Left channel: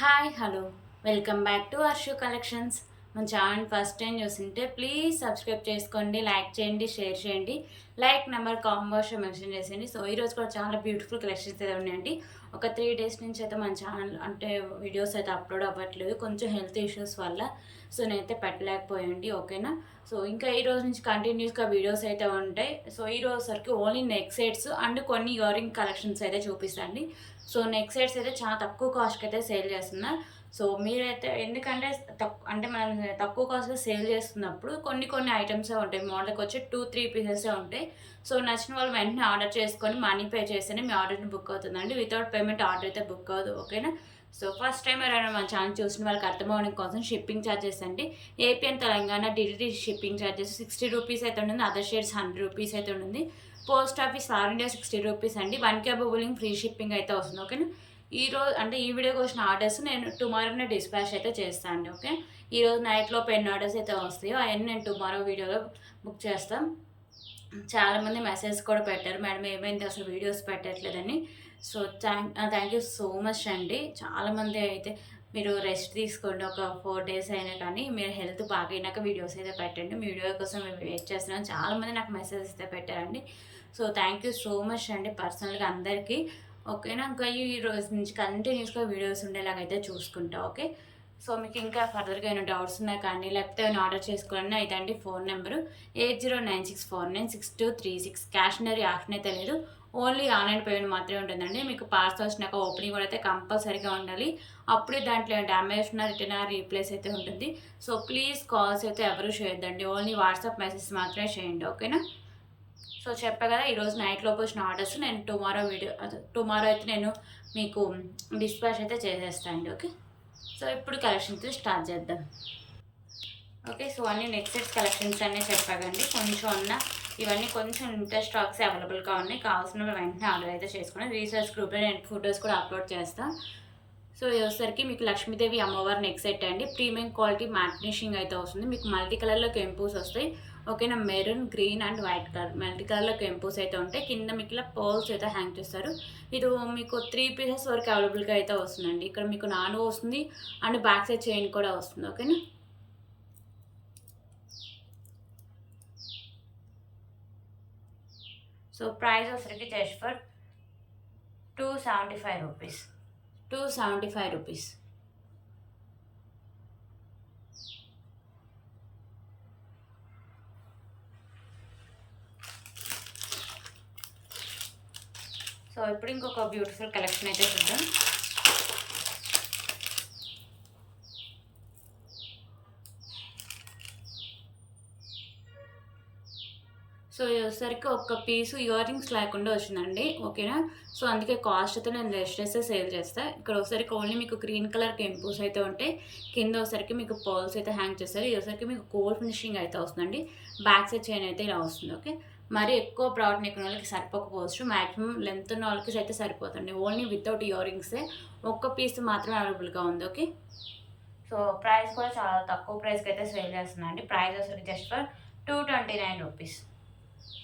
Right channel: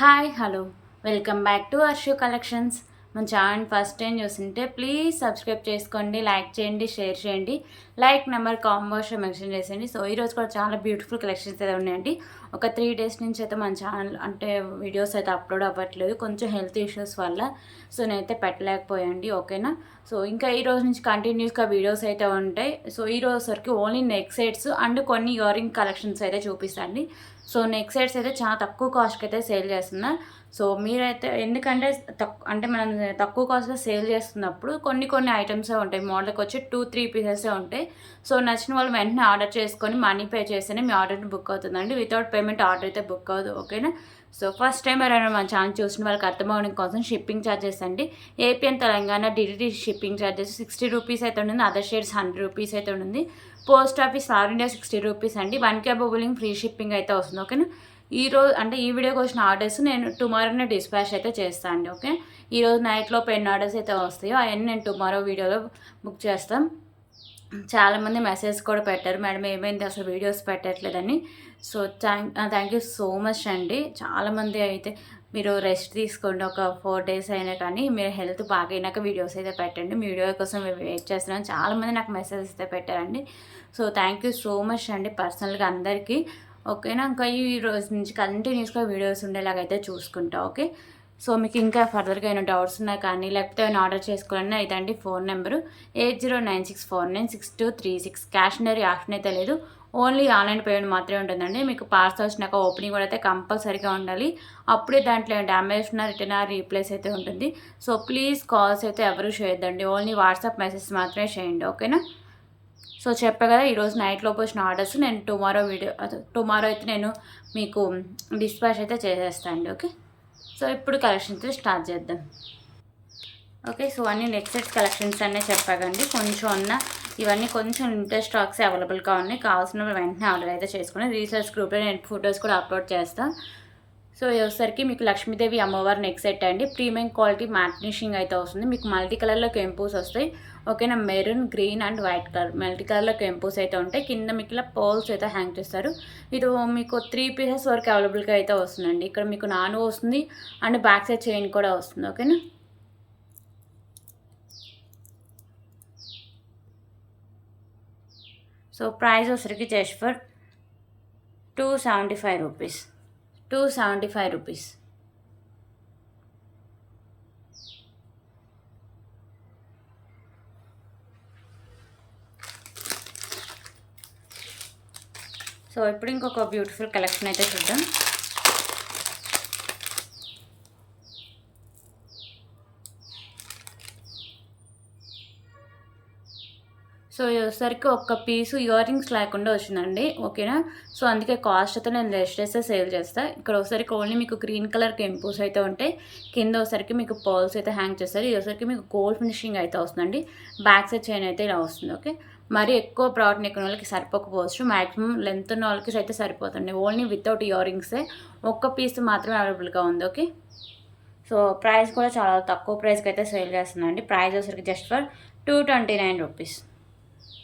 Hi hello welcome back to Varshu collections. మన channel first time చూస్తుంటే please subscribe చేసుకోండి, like చేయండి, షేర్ చేయండి. లైక్ నెంబర్ కాంబోస్ మెన్షన్ చేసేయండి. సో ఈరోజు కూడా చాలా బ్యూటిఫుల్ కలెక్షన్స్ అయితే ఉన్నాయండి. ఒక 3 days నుంచి అయితే మన ఛానల్ అంటే వీడియోస్ అయితే అప్లోడ్ అవ్వట్లేదు, కొంచెం హెల్త్ ఇష్యూస్ వల్ల. సో నేనైతే పెట్టలేకపోయాండి, ఓకేనా. సో ఇంకా ఈ రోజు నుంచి కంటిన్యూస్గా వీడియోస్ అయితే ఉంటాయి. సో ఈ రోజు సరికి ఓన్లీ నెక్ సెట్స్ అండ్ కొన్ని ఇయర్ రింగ్ కలెక్షన్స్ అయితే చూపిస్తాండి. సో నెక్ సెట్స్ అయితే చాలా తక్కువ కాస్ట్కి అయితే సేల్ చేస్తున్నారు. సో మీరైతే ఎందుకంటే అంటే మనం తక్కువ కాస్ట్లో సేల్ చేస్తున్నప్పుడు కొన్ని ఐటమ్సే ఉంటాయి, మోడల్కి వచ్చి 2-3 పీసెసే ఉంటాయి. సో నచ్చిన వాళ్ళు వెంటనే ఆర్డర్ చేసుకొని మనీ పే చేస్తేనే మీ ఆర్డర్ని బుక్ అవుతుందండి. వితౌట్ పేమెంట్ ఆర్డర్ అయితే బుక్ అవ్వదు, ఓకేనా. సో ఫస్ట్ టైం ఎవరైనా మన ఛానల్ చూసిన వాళ్ళకి అర్థమవడం కోసం షిప్పింగ్ ఛార్జెస్ అండి. AP and Telangana DDT shipping charges 60 rupees అయితే ఉంటుంది. అదర్ షేడ్స్ 100 రూపీస్ అయితే ఉంటుంది. Post office all India 60 rupees అండి. 1K బులింగ్ ఫ్రీ షిప్పింగ్ అయితే వస్తుంది, ఓకేనా. ఈరోజు అంటే ఈ వీడియోకి వచ్చిన ఆర్డర్స్ నేను టుమారోనే డిస్పాచ్ అయితే చేస్తాను అండి, ఓకే. ఈరోజు నైట్లో పెన్ ఆర్డర్స్ అయితే వస్తాయో అవన్నీ నేను టుమారో వీడియోలో బుక్ చేస్తాం. చాలామంది మెసేజ్ కూడా పెట్టారు, మేడం ఏమైంది అసలు వీడియోస్ పెట్టట్లేదని. So thank you so much అండి. చాలామంది అయితే మీరు రెస్ట్ తీసుకోండి, ఒక 4 days అయినా కానీ మీరు హెల్త్ బాగైనాక వీడియోస్ అయితే పెట్టండి, మీ వీడియో కోసం మేము వెయిట్ చేస్తున్నాం. చాలామంది నాకు మెసేజ్ అయితే పెట్టారండి. So thank you so much అండి పర్సనల్గా అందరికీ, ఓకేనా. ఇంకా ఈ రోజు నుంచి కంటిన్యూస్గా వీడియోస్ ఉండేలాగైతే చూసుకుంటా, ఓకే. సో మీకు ఇంకా ఫర్దర్గా ఏమైనా డౌట్స్ ఉన్నా కానీ లేకపోతే ఏమైనా ఆర్డర్ చేసుకోవాలన్నా ఇదండి phone number 8096496236. Cash on delivery option అయితే లేదు, ఓన్లీ ఆన్లైన్ పేమెంట్ మాత్రమే ఉంటుందండి. మీకు పార్సల్ వచ్చినాక ఓపెనింగ్ కూడా అయితే కంపల్సరీగా ఉండాలి, అప్పుడే దాంట్లో డ్యామేజ్ ఉన్న రిటర్న్ రీప్లేస్ అయితే ఉంటుంది. సో ప్లీజ్ కాల్స్ అయితే ఎవరు చేయొద్దండి, ఓన్లీ వాట్సాప్ మెసేజ్ మాత్రమే చేయండి, ఓకేనా. సో చెప్పా కదా ఈరోజు నైట్లోపు వచ్చిన ఆర్డర్స్ నేను టుమారో అయితే నేను మీకు డిస్పాచ్ అయితే చేసేస్తాను అండి, ఓకే. సో ఇప్పుడు కలెక్షన్స్ స్టార్ట్ చేద్దాం, ఓకే. సో అన్ని నెక్ సెట్స్ కలెక్షన్స్ అన్నీ చెప్పాకండి, కొంచెం ఉన్న ఇవన్నీ కొంచెం లిమిటెడ్ స్టాక్స్ అవైలబుల్గా ఉన్నాయి. కావాల్సిన వెంటనే ఆర్డర్ అయితే చేసుకుని రీసెర్చ్ గ్రూప్లో నేను ఫొటోస్ కూడా అప్లోడ్ చేస్తాను. సో వచ్చేసరికి మీకు లక్ష్మీదేవి అమ్మవారి నెక్ సెట్ అండి. ప్రీమియం క్వాలిటీ మ్యాట్ ఫినిషింగ్ అయితే వస్తుంది. మీకు మల్టీ కలర్లో కెంపోస్ వస్తాయి, ఓకేనా. Maroon, green and white colour multi కలర్లో కెంపోస్ అయితే ఉంటాయి. కింద మీకు ఇలా పర్ల్స్ అయితే హ్యాంగ్ చేస్తారు. ఇది మీకు 3 pieces వరకు అవైలబుల్గా అయితే వస్తుందండి. ఇక్కడ మీకు నాను వస్తుంది అండ్ బ్యాక్ సైడ్ చైన్ కూడా వస్తుంది, ఓకేనా. సో ప్రైస్ వచ్చరికి just for 275 rupees, 275 rupees. So ఇప్పుడు ఇంకొక బ్యూటిఫుల్ కలెక్షన్ అయితే చూద్దాం. సో వచ్చేసరికి ఒక్క పీసు ఇయర్ రింగ్స్ లేకుండా వచ్చిందండి, ఓకేనా. సో అందుకే కాస్ట్ అయితే నేను లెస్ చేస్తే సేల్ చేస్తాను. ఇక్కడ ఒకసారికి ఓన్లీ మీకు గ్రీన్ కలర్ కెంపోస్ అయితే ఉంటాయి. కింద ఒకసారికి మీకు పర్ల్స్ అయితే హ్యాంగ్ చేస్తారు. ఇది ఒకసారికి మీకు గోల్డ్ ఫినిషింగ్ అయితే వస్తుందండి. బ్యాక్ సైడ్ చైన్ అయితే ఇలా వస్తుంది, ఓకే. మరి ఎక్కువ ప్రోడక్ట్ ఎక్కువ వాళ్ళకి సరిపోకపోవచ్చు, మ్యాక్సిమం లెంత్ ఉన్న వాళ్ళకి అయితే సరిపోతుంది. ఓన్లీ వితౌట్ ఇయర్ రింగ్సే ఒక్క పీస్ మాత్రమే అవైలబుల్గా ఉంది, ఓకే. సో ప్రైస్ కూడా చాలా తక్కువ ప్రైస్కి అయితే సేల్ చేస్తుందండి. ప్రైస్ వచ్చరికి just for 229 rupees,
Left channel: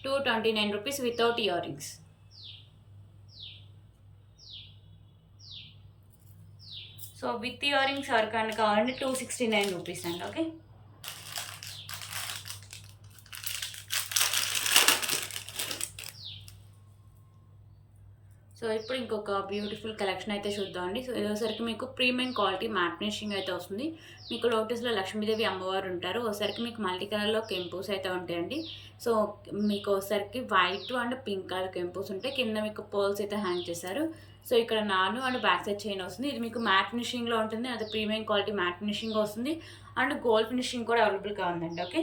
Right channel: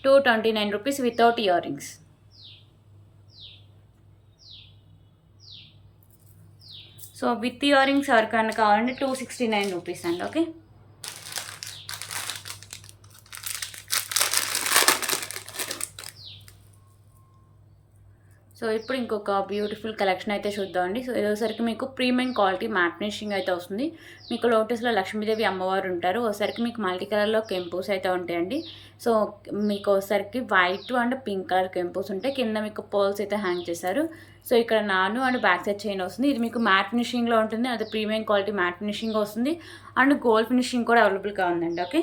229 rupees without ear rings. So with ear rings ఎవరికైనా కావాలంటే 269 రూపీస్ అండి, ఓకే. సో ఇప్పుడు ఇంకొక బ్యూటిఫుల్ కలెక్షన్ అయితే చూద్దామండి. సో ఇదోసరికి మీకు ప్రీమియం క్వాలిటీ మ్యాట్ ఫినిషింగ్ అయితే వస్తుంది. మీకు లోటస్లో లక్ష్మీదేవి అమ్మవారు ఉంటారు. ఒకసారికి మీకు మల్టీ కలర్లో కెంపోస్ అయితే ఉంటాయండి. సో మీకు ఒకసారికి వైట్ అండ్ పింక్ కలర్ కెంపోస్ ఉంటాయి. కింద మీకు పర్ల్స్ అయితే హ్యాంగ్ చేశారు. సో ఇక్కడ నాను అండ్ బ్యాక్ సైడ్ చైన్ వస్తుంది. ఇది మీకు మ్యాట్ ఫినిషింగ్లో ఉంటుంది, అది ప్రీమియం క్వాలిటీ మ్యాట్ ఫినిషింగ్ వస్తుంది అండ్ గోల్డ్ ఫినిషింగ్ కూడా అవైలబుల్గా ఉందండి, ఓకే.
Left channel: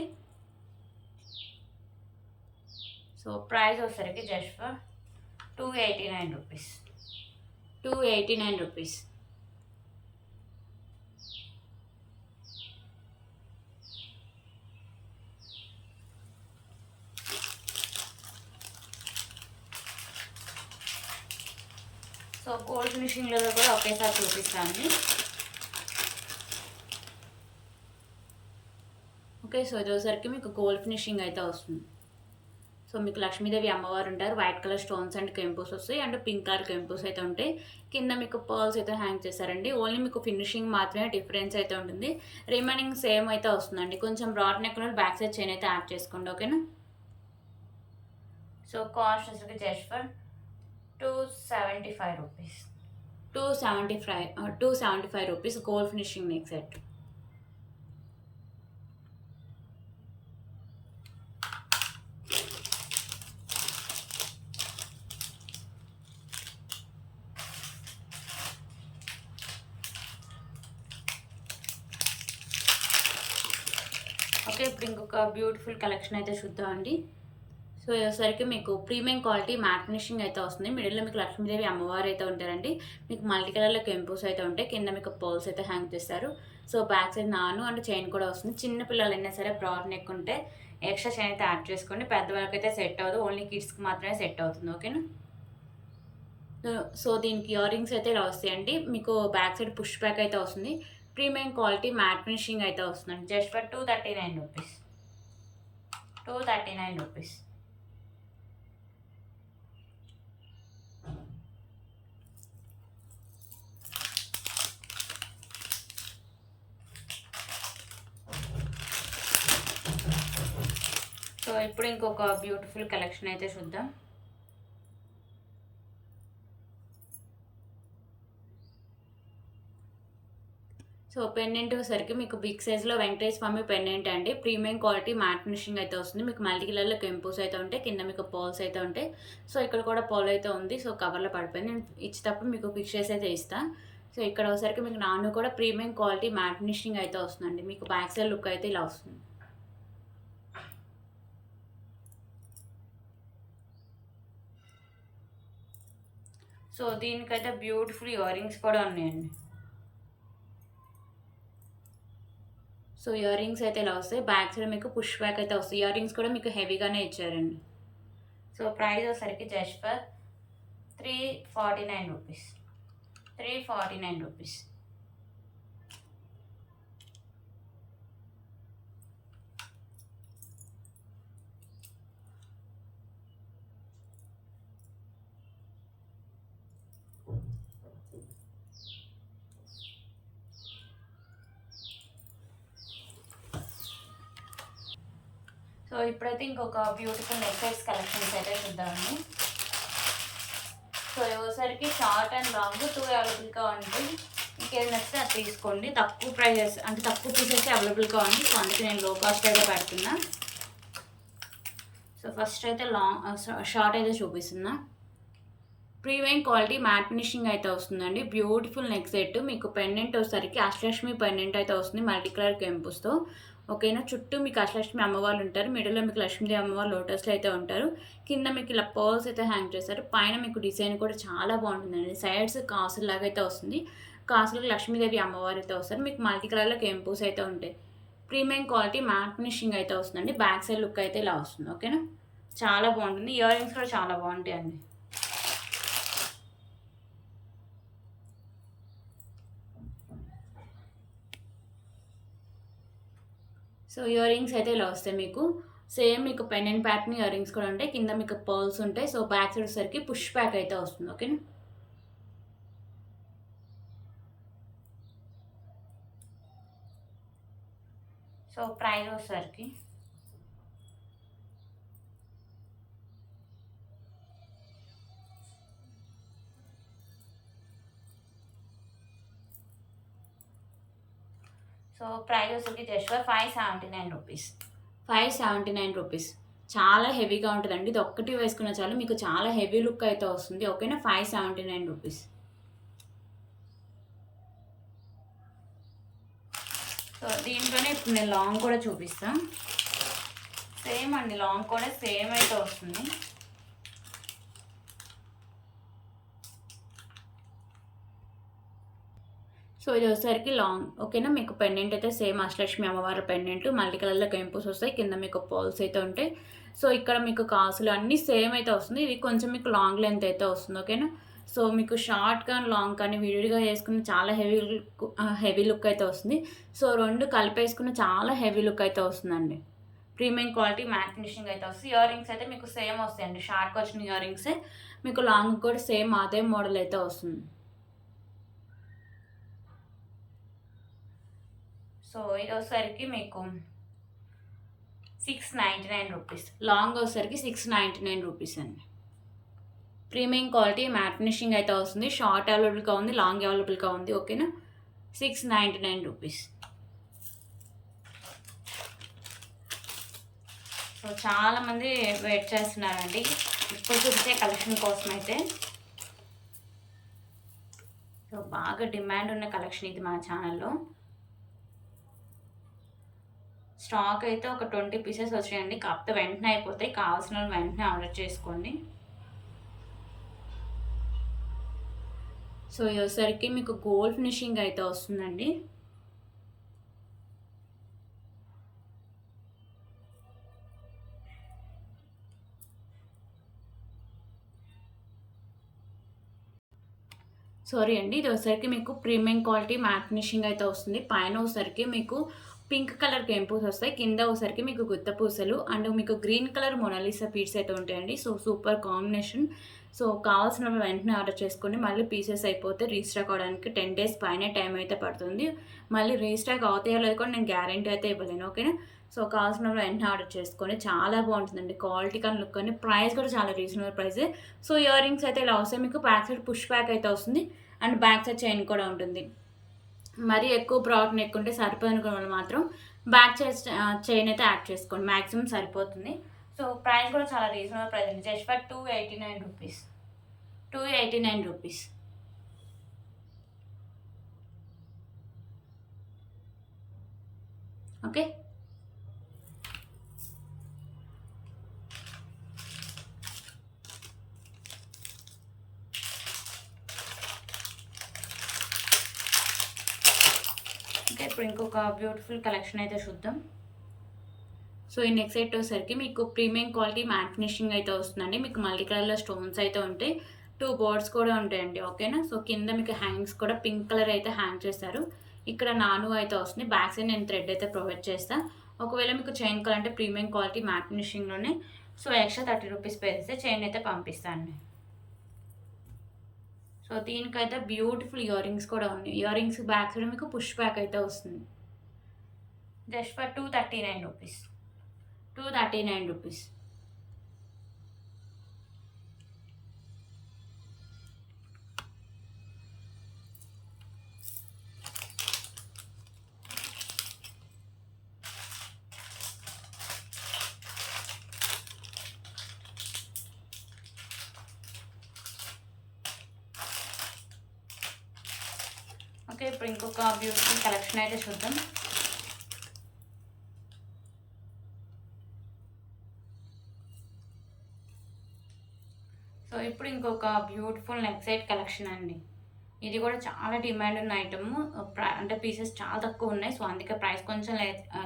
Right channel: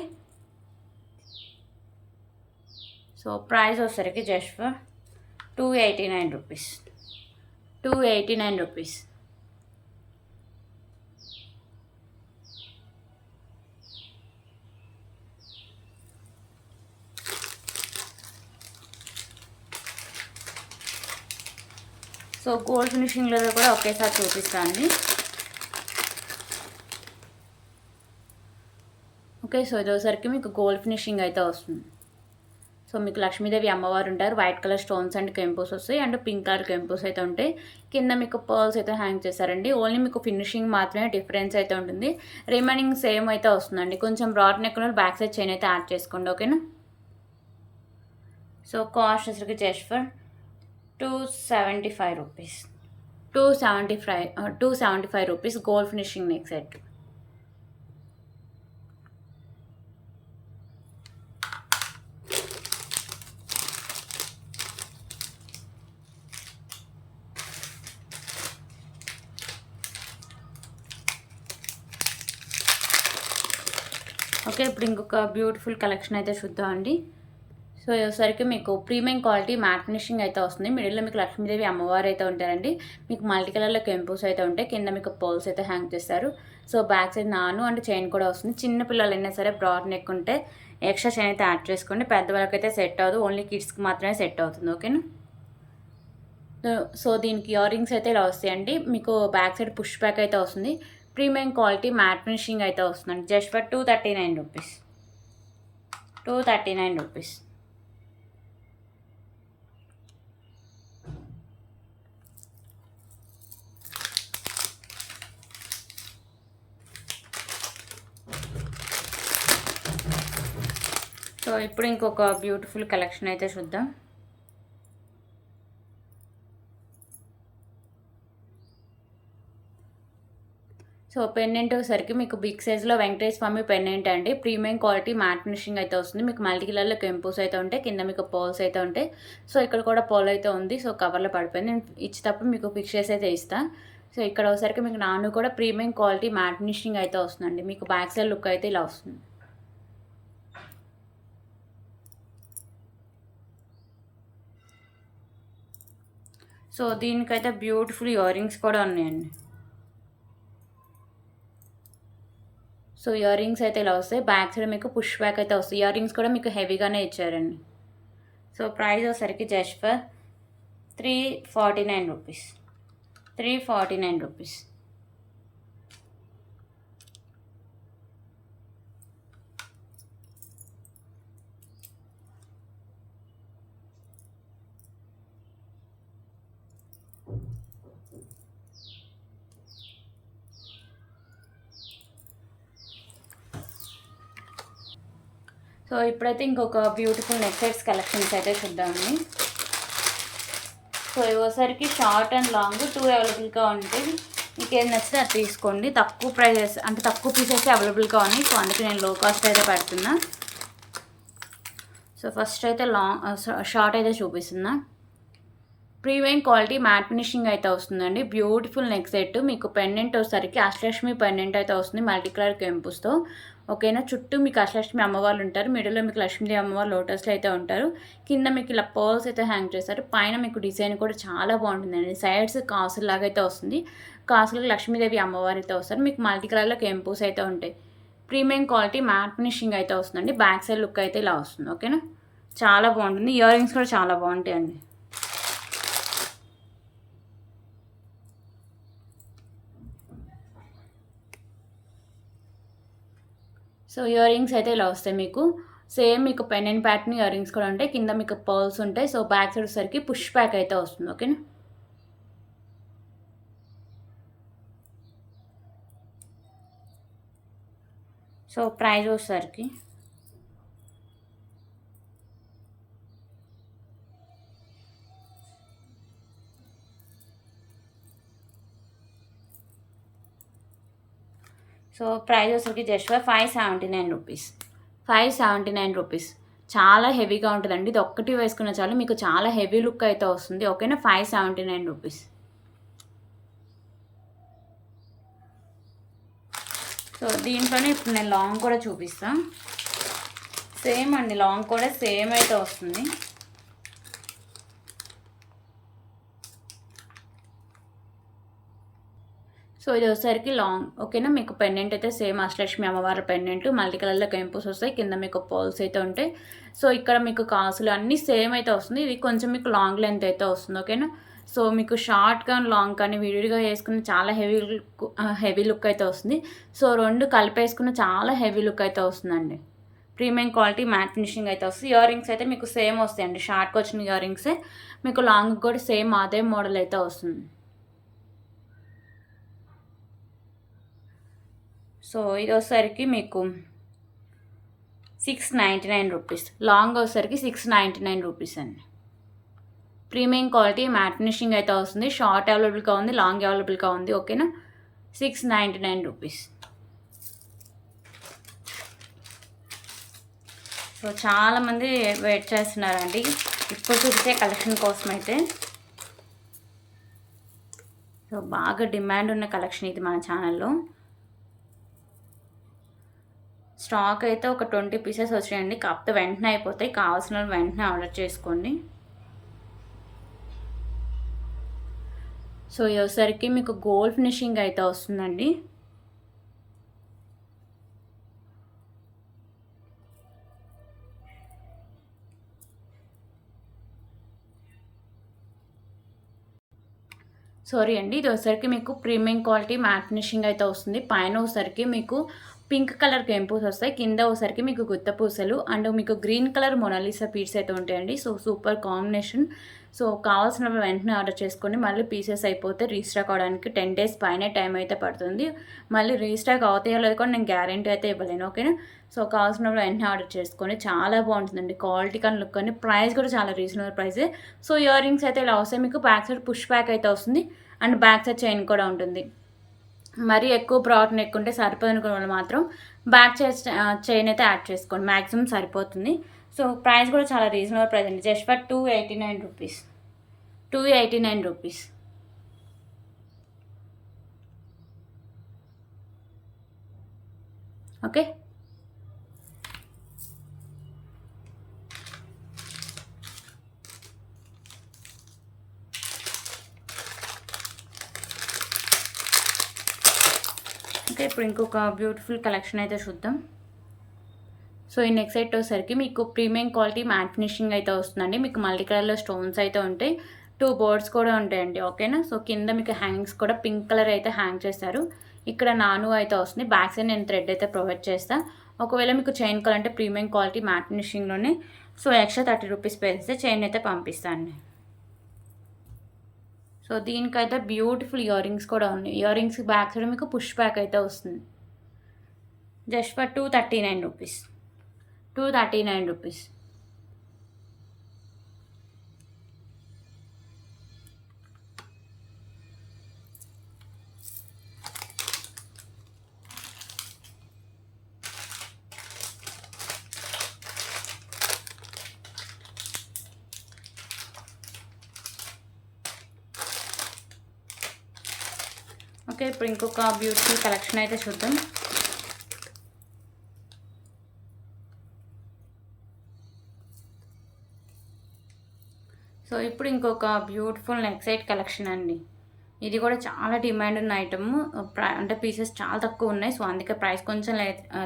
సో ప్రైస్ వచ్చేసరికి just for 289 rupees, 289 rupees. So gold ఫినిషింగ్లో కూడా ఒకేసారి చూపిస్తాను, ఓకే. సో ఇదోసరికి మీకు గోల్డ్ ఫినిషింగ్ అయితే వస్తుంది. సో మీకు లక్ష్మీదేవి అమ్మవారు ఉంటారు. వైట్ కలర్ స్టోన్స్ అండ్ కెంపుస్ వస్తాయి అండ్ పింక్ కలర్ కెంపుస్ అయితే ఉంటాయి. కింద మీకు పర్ల్స్ అయితే హ్యాంగ్ చేశారండి. ఓన్లీ మీకు ఫినిషింగ్ మాత్రమే డిఫరెన్స్ అయితే ఉంటుంది. రిమైనింగ్ సేమ్ అయితే వస్తుందండి. కొంచెం broad neck back side chain అయితే యాడ్ చేసుకోండి, ఓకేనా. సో కాస్ట్ వచ్చరికి just for 275 rupees. 275 rupees gold finishing neck set. Okay, ఇప్పుడు ఇంకొక బ్యూటిఫుల్ కలెక్షన్ అయితే చూద్దామండి. సో వచ్చేసరికి మీకు ప్రీమియం క్వాలిటీ మ్యాట్ ఫినిషింగ్ అయితే వస్తుంది. మిడిల్లో మీకు లక్ష్మీదేవి అమ్మవారు అయితే ఉంటారండి. మీకు మల్టీ కలర్లో కెంపుస్ అయితే ఉంటాయి. కింద మీకు పర్ల్స్ అయితే హ్యాంగ్ చేస్తారు. సో బ్యాక్ సైడ్ నాను అండ్ చైన్ కూడా వస్తుంది. చిన్న పిల్లలైనా సరే బ్రాడ్ నెక్ ఉంటే ఎక్స్ట్రా చైన్ అయితే యాడ్ చేసుకోండి. పెద్దవాళ్ళకి అయితే సెట్ అవ్వదు, ఓన్లీ కిడ్స్కి మాత్రమే సెట్ అవుతుంది, ఓకేనా. సో దీనికి ఇయర్ రింగ్స్ అయితే ఇలా వస్తాయండి. మీకు బ్యాక్ సైడ్ పుష్ బ్యాక్ అయితే వస్తుంది. ప్రీమియం క్వాలిటీ మ్యాట్ ఫినిషింగ్ అయితే వస్తుందండి. Just for 239 rupees. 239 rupees. So ఇప్పుడు ఇంకొక బ్యూటిఫుల్ కలెక్షన్ అయితే చూద్దాం. సో పెండెంట్ వచ్చేసరికి మీకు బిగ్ సైజ్లో వెంకటేశ్వర స్వామి పెండెంట్ అండి. ప్రీమియం క్వాలిటీ మ్యాట్ ఫినిషింగ్ అయితే వస్తుంది. మీకు మల్టీ కలర్లో కెంపుస్ అయితే ఉంటాయి. కింద మీకు పోల్స్ అయితే ఉంటాయి. సో ఇక్కడ కూడా పోల్ అయితే ఉంది. సో కవర్లో పడిపోయింది. నేను ఇచ్చేటప్పుడు మీకు ఫిక్స్ అయితే ఇస్తాను. సో ఇక్కడ వచ్చేసరికి మీకు నాను కూడా ప్రీమియం క్వాలిటీ మ్యాట్ ఫినిషింగ్ అయితే వస్తుందండి. మీకు బ్యాక్ సైడ్ లుక్ అయితే ఇలా వస్తుంది. సో దీనికైతే బ్యూటిఫుల్ ఇయర్ రింగ్స్ కూడా ఉన్నాయండి. సో ఇయర్ రింగ్స్ అయితే ఇలా వస్తాయి. బ్యాక్ సైడ్ మీకు పుష్ బ్యాక్ అయితే వస్తాయి. ఇయర్ రింగ్స్ కూడా మీకు హెవీగానే ఇచ్చారండి. సో ప్రైస్ వచ్చేసరికి just for 349 rupees. 349 rupees. So ఇప్పుడైతే ఇంకొక బ్యూటిఫుల్ నెక్ సెట్స్ కలెక్షన్స్ అయితే చూద్దామండి. సో ఇవసరికి షార్ట్ అండ్ లాంగ్ 2 అవైలబుల్గా ఉంటాయి. మీకు ఏది నచ్చితే అది తీసుకోండి. తక్కువ ప్రైజెస్ అంటే తక్కువ పీసెస్ అవైలబుల్గా ఉన్నాయి. సో అందుకే నేను లో కాస్ట్ అయితే పెడుతున్నా. సో ఫస్ట్ అయితే షార్ట్ అయితే చూపిస్తున్నా. ప్రీమియం క్వాలిటీ మ్యాట్ ఫినిషింగ్ అయితే వస్తుందండి. Beautiful neck set. మీకు పెండెంట్ వచ్చేసరికి అష్టలక్ష్మి పెండెంట్ అయితే వస్తుంది మల్టీ కలర్ కెంపుస్తో, ఓకేనా. చుట్టూ మీకు అష్టలక్ష్మి అమ్మవారు ఉంటారు. మిడిల్లో మీకు లక్ష్మీదేవి అమ్మవారు లోటస్లో అయితే ఉంటారు. కింద మీకు ఇలా పర్ల్స్ అయితే హ్యాంగ్ చేస్తారు. పైన మీకు డిజైన్ కూడా చాలా బాగుంటుందండి. సైడ్స్ కాసులు లాగా అయితే వస్తుంది. కాసులకు లక్ష్మీదేవి అమ్మవారు అయితే వస్తారు. మీకు మల్టీ కలర్లో కెంపుస్ అయితే ఉంటాయి. ప్రీమియం క్వాలిటీ మ్యాట్ ఫినిషింగ్ అయితే వస్తుందండి. బ్యాక్ సైడ్ లుక్ అయితే ఇలా వస్తుంది, ఓకేనా. చాలా బాగుంటుంది. ఇయర్ రింగ్స్ కూడా చాలా బాగుంటాయండి. సో ఇయర్ రింగ్స్ అయితే ఇలా వస్తాయి. మీకు సేమ్ మీకు పెండెంట్ ప్యాటర్న్ ఇయర్ రింగ్స్ కూడా ఉంటాయి. కింద మీకు పర్ల్స్ ఉంటాయి. సో బ్యాక్ సైడ్ వచ్చేసరికి పుష్ బ్యాక్ అయితే వస్తుంది, ఓకేనా. సో ప్రైస్ వచ్చేసరికి సో ప్రైస్ వచ్చేసరికి జస్ట్ 579 రూపీస్. 579 రూపీస్. చాలా హెవీగా ఉంటుందండి. ఇది ఒక్కటి వేసుకున్న చాలు మీకు చాలా హెవీ లుక్ అయితే వస్తుంది, ఓకేనా. 579 రూపీస్. సో దీంట్లోనే ఇప్పుడు నేను లాంగ్ కూడా చూపిస్తాను. సేమ్ అండి, లాంగ్ కూడా సేమ్ అయితే వస్తుంది. సో ఇది వచ్చేసరికి లాంగ్, ఓకేనా. మీకు పెండెంట్ అయితే సేమ్ అష్టలక్ష్మి అమ్మవారి పెండెంట్ మల్టీ కలర్లో కెంపుస్ వస్తాయి. కింద మీకు పోల్స్ అయితే ఉంటాయి. సో ఇక్కడ మీకు కాసులు అన్నీ సేమ్ అయితే వస్తుంది. ఇది కొంచెం మీకు లాంగ్ లెంత్ అయితే వస్తుంది, ఓకేనా. సో మీకు షార్ట్ కానీ లాంగ్ కానీ విడివిడిగా వేసుకుని చాలా హెవీ లుక్ అయితే వస్తుంది. సో రెండు కలిపేసుకుని చాలా హెవీ లుక్ అయితే వస్తుందండి. ప్రీమియం క్వాలిటీ మ్యాట్ ఫినిషింగ్ అయితే వస్తుంది. ఇయర్ రింగ్స్ అయితే మీకు సేమ్ వస్తాయండి, షార్ట్కి వచ్చిన ఇయర్ రింగ్సే మీకు లాంగ్ కూడా సేమ్ అదే మోడల్ అయితే వస్తుంది. సో ఇది వచ్చేసరికి మీకు 699 రూపీస్. లాంగ్ వచ్చేసరికి 699 రూపీస్ అండి. ప్రీమియం క్వాలిటీ మ్యాట్ ఫినిషింగ్ అయితే వస్తుంది. షార్ట్ అవైలబుల్గా ఉంది, లాంగ్ అవైలబుల్గా ఉంది. ఓకేనా, 699 రూపీస్. సో చాలామంది వెయిట్ చేస్తున్నారండి ఇప్పుడు చూసే కలెక్షన్ కోసం అయితే. సో బాగా డిమాండ్ ఉన్న కలెక్షన్ ఇది మన ఛానల్లో. స్టాక్ అయితే ఒక 20 పీసెస్ వచ్చాయండి, కాకపోతే వెంటనే అయిపోతాయి. కావాల్సిన వాళ్ళు వెంటనే ఆర్డర్ చేసుకోండి. సో వచ్చేసరికి మీకు గోల్డ్ ఫినిషింగ్ అయితే వస్తుందండి. సారీ అండి, ఇది వచ్చేసరికి మీకు ప్రీమియం క్వాలిటీ మ్యాట్ ఫినిషింగ్ అయితే వస్తుంది. పైన వచ్చేసరికి మీకు పింక్ కలర్ కెంపూస్ వస్తాయి, కింద వచ్చేసరికి మీకు గుత్త పూసలు అండ్ మీకు గ్రీన్ కలర్ మొనాలిసా పీట్స్ అయితే ఉంటాయండి. So super combination. సో కావాల్సిన వెంటనే ఆర్డర్ చేసుకోండి. మళ్ళీ పీసెస్ అయిపోతే రీస్టాక్ అవడానికి 10 డేస్ పైన టైం అయితే పడుతుంది. మళ్ళీ రీస్టాక్ అవుతాయో లేదో కూడా నేను గ్యారంటీ అయితే ఇవ్వలేను. ఓకేనా, సో కావాల్సిన వెంటనే ఆర్డర్ చేసుకోండి. చాలా బాగుంటుందండి, క్వాలిటీ కానీ లుక్ కానీ. ప్రైస్ కూడా చాలా రీజనబుల్ ప్రైసే. సో ఇయర్ రింగ్స్ అయితే ఇలా వస్తాయి. మీకు బ్యాక్ సైడ్ పుష్ బ్యాక్ అయితే వస్తుంది అండ్ బ్యాక్ సైడ్ చైన్ కూడా ఉంటుంది. మరీ ఎక్కువ ప్రోడక్ట్ ఎక్కుంటే సరిపోదనుకున్న వాళ్ళు మాత్రం బ్యాక్ చైన్ అయితే యాడ్ చేసుకోండి, మ్యాక్సిమం సరిపోతుంది. సో ప్రైస్ కూడా చాలా రీజనబుల్ ప్రైస్ అండి, just for 289 rupees. 289 rupees. Okay, okay ఇప్పుడు ఇంకొక బ్యూటిఫుల్ కలెక్షన్ అయితే చూద్దాం. సో ఈ నెక్స్ట్ సెట్ వచ్చేసరికి మీకు ప్రీమియం క్వాలిటీ మ్యాట్ ఫినిషింగ్ అయితే వస్తుందండి. మీకు మల్టీ కలర్లో స్టోన్స్ అయితే ఉంటాయి, 2 బోర్డ్స్ కూడా ఉంటాయండి. ఓకేనా, సో కింద మీకు హ్యాంగ్స్ కూడా పింక్ కలర్ అయితే హ్యాంగ్ చేస్తారు. ఇక్కడ నాను అయితే వస్తుంది. బ్యాక్ సైడ్ నేను థ్రెడ్ అయితే ప్రొవైడ్ చేస్తాను. ఒకవేళ మీకు చైన్ కావాలంటే ప్రీమియం క్వాలిటీ మ్యాట్ ఫినిషింగ్లోనే సో ఎక్స్ట్రా 30 రూపీస్ పే చేస్తే చైన్ అయితే పంపిస్తాను. సో దీనికైతే బ్యూటిఫుల్ ఇయర్ రింగ్స్ కూడా ఉన్నాయి. ఇయర్ రింగ్స్ బ్యాక్ సైడ్ మీకు పుష్ బ్యాక్ అయితే వస్తుంది, just for 239 rupees. 239 rupees. Okay ఇప్పుడు ఇంకొక బ్యూటిఫుల్ కలెక్షన్ అయితే చూద్దాం. సో ఇప్పుడు ఇంకొక బ్యూటిఫుల్ నెక్ సెట్ కలెక్షన్ అండి. ఇది కూడా చాలా డిమాండ్ ఉన్న ఐటమ్, అంటే పీసెస్ చాలా తక్కువ ఉన్నాయి. సో అందుకే ప్రైస్ కొంచెం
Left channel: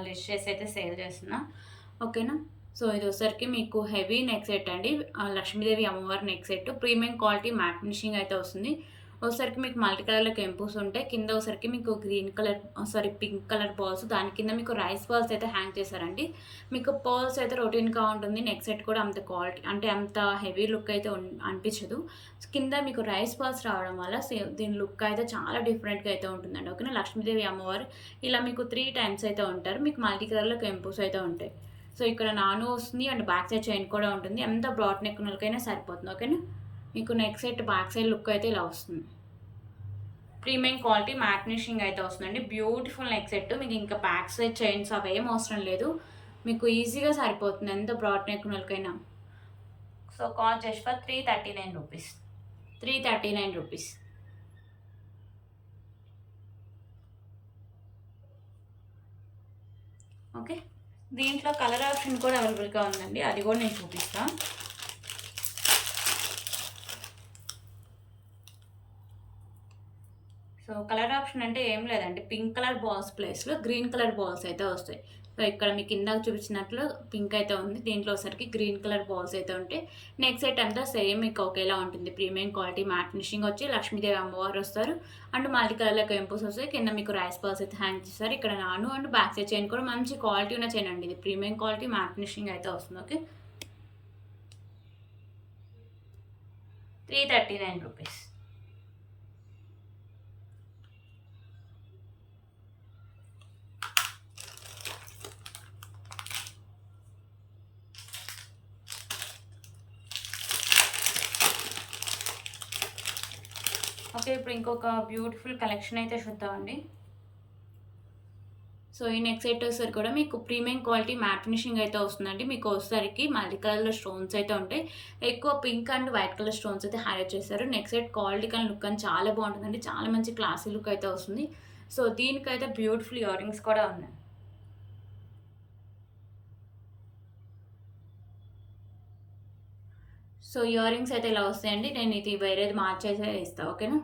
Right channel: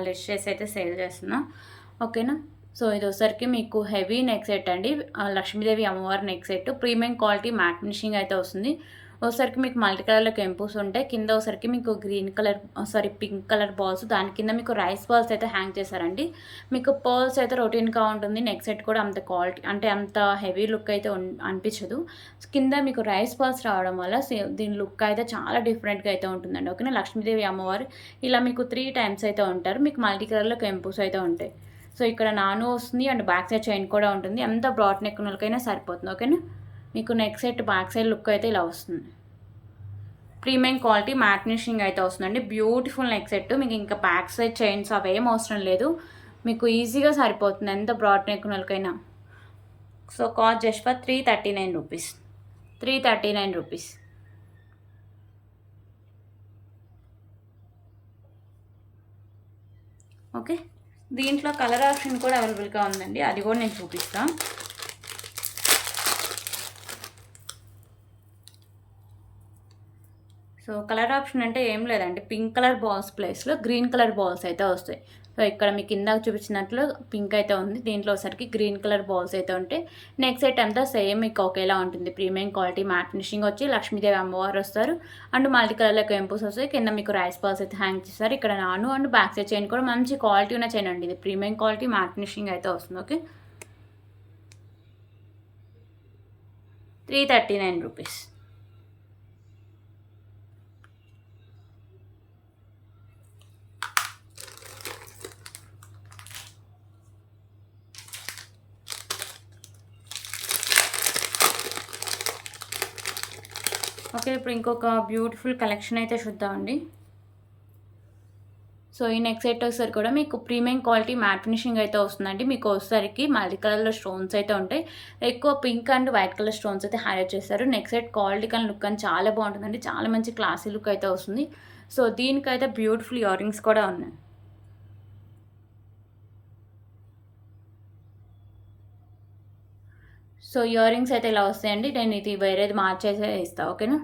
లెస్ చేసి అయితే సేల్ చేస్తున్నా. ఓకేనా, సో ఇది వచ్చరికి మీకు హెవీ నెక్ సెట్ అండి, లక్ష్మీదేవి అమ్మవారి neck set. Premium quality matte finishing అయితే వస్తుంది. ఒకసారికి మీకు మల్టీ కలర్లో కెంపూస్ ఉంటాయి, కింద ఒకసారికి మీకు green colour pink colour balls, దాని కింద మీకు రైస్ బాల్స్ అయితే హ్యాంగ్ చేశారండి. మీకు పర్ల్స్ అయితే రొటీన్గా ఉంటుంది. నెక్ సెట్ కూడా అంత క్వాలిటీ అంటే అంత హెవీ లుక్ అయితే అనిపించదు. కింద మీకు రైస్ బాల్స్ రావడం వల్ల దీని లుక్ అయితే చాలా డిఫరెంట్గా అయితే ఉంటుందండి. ఓకేనా, లక్ష్మీదేవి అమ్మవారు ఇలా మీకు 3 టైమ్స్ అయితే ఉంటారు. మీకు మల్టీ కలర్లో కెంపూస్ అయితే ఉంటాయి. సో ఇక్కడ నాను వస్తుంది అండ్ బ్యాక్ సైడ్ చైన్ కూడా ఉంటుంది. అంత బ్రాడ్ నెక్ వాళ్ళకైనా సరిపోతుంది. ఓకేనా, మీకు neck set back side look అయితే ఇలా వస్తుంది. ప్రీమియం క్వాలిటీ మ్యాట్ ఫినిషింగ్ అయితే వస్తుందండి. Beautiful neck set. మీకు ఇంకా బ్యాక్ సైడ్ చైన్స్ అవి ఏం అవసరం లేదు, మీకు ఈజీగా సరిపోతుంది ఎంత బ్రాడ్ నెక్ వాళ్ళకైనా. So cost just for 339 rupees. 339 rupees. Okay, దీంట్లో కలర్ ఆప్షన్ కూడా అవైలబుల్గా ఉందండి, అది కూడా నేను చూపిస్తాను. సో కలర్ ఆప్షన్ అంటే ఏం లేదండి, పింక్ కలర్ బాల్స్ ప్లేస్లో గ్రీన్ కలర్ బాల్స్ అయితే వస్తాయి. సో సో ఇక్కడ మీకు ఇందాక చూపించినట్లు పింక్ అయితే ఉంది, దీంట్లో ఒకసారికి గ్రీన్ కలర్ బాల్స్ అయితే ఉంటాయి. నెక్స్ట్ సెట్ అంతా సేమ్ మీకు ఒకేలా ఉంటుంది. ప్రీమియం క్వాలిటీ మ్యాట్ ఫినిషింగ్ వచ్చి లక్ష్మీదేవి అమ్మవారు వస్తారు అండ్ మల్టీ కలర్లో కెంపుస్ వస్తాయి. కింద మీకు రైస్ బాల్స్ అయితే హ్యాంగ్ చేస్తారు. ఇక్కడ నాను అండ్ బ్యాక్ సైడ్ చైన్ కూడా మంచి క్వాలిటీ ఉన్న చైన్ అండి. ఇది ప్రీమియం క్వాలిటీ మ్యాట్ ఫినిషింగ్ అయితే వస్తుంది. Okay, 339 rupees. ఓకే, ఇప్పుడు ఇంకొక బ్యూటిఫుల్ కలెక్షన్ అయితే చూద్దామండి. సో ఈ నెక్స్ట్ సెట్ వచ్చేసరికి కూడా మీకు ప్రీమియం క్వాలిటీ మ్యాట్ ఫినిషింగ్ అయితే వస్తుందండి. మీకు వచ్చేసరికి మల్టీ కలర్లో స్టోన్స్ అయితే ఉంటాయి. ఎక్కువ pink and white colour stones అయితే హైలైట్ చేస్తారు. నెక్స్ట్ సెట్ క్వాలిటీ కానీ లుక్ అని చాలా బాగుంటుందండి. చాలా మంచి క్లాసీ లుక్ అయితే వస్తుంది. సో దీనికైతే బ్యూటిఫుల్ ఇయర్ రింగ్స్ కూడా ఉన్నాయి. సో ఇయర్ రింగ్స్ అయితే ఇలా వస్తాయండి. నేను ఇది వేరేది మార్చేసే ఇస్తాను. ఓకేనా,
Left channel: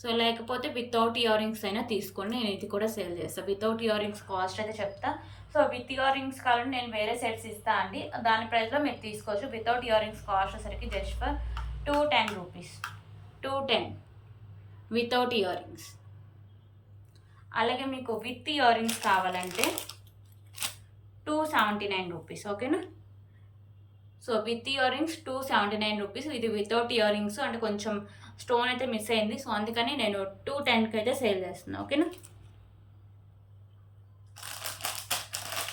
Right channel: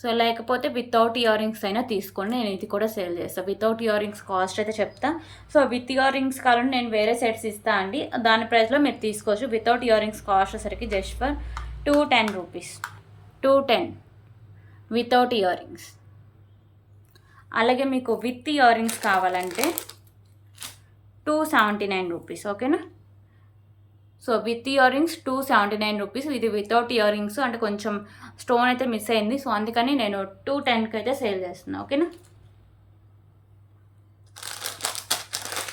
సో లేకపోతే వితౌట్ ఇయర్ రింగ్స్ అయినా తీసుకోండి, నేను ఇది కూడా సేల్ చేస్తాను. వితౌట్ ఇయర్ రింగ్స్ కాస్ట్ అయితే చెప్తా. సో విత్ ఇయర్ రింగ్స్ కావాలంటే నేను వేరే సెట్స్ ఇస్తాను అండి, దాని ప్రైస్లో మీరు తీసుకోవచ్చు. వితౌట్ ఇయర్ రింగ్స్ కాస్ట్ వచ్చేసరికి just for 210 rupees, 210 without ear rings. అలాగే మీకు విత్ ఇయర్ రింగ్స్ కావాలంటే 279 రూపీస్. ఓకేనా, so with ear rings 279 rupees. ఇది వితౌట్ ఇయర్ రింగ్స్ అంటే కొంచెం స్టోన్ అయితే మిస్ అయింది, సో అందుకని నేను 210కి అయితే సేల్ చేస్తున్నాను. ఓకేనా,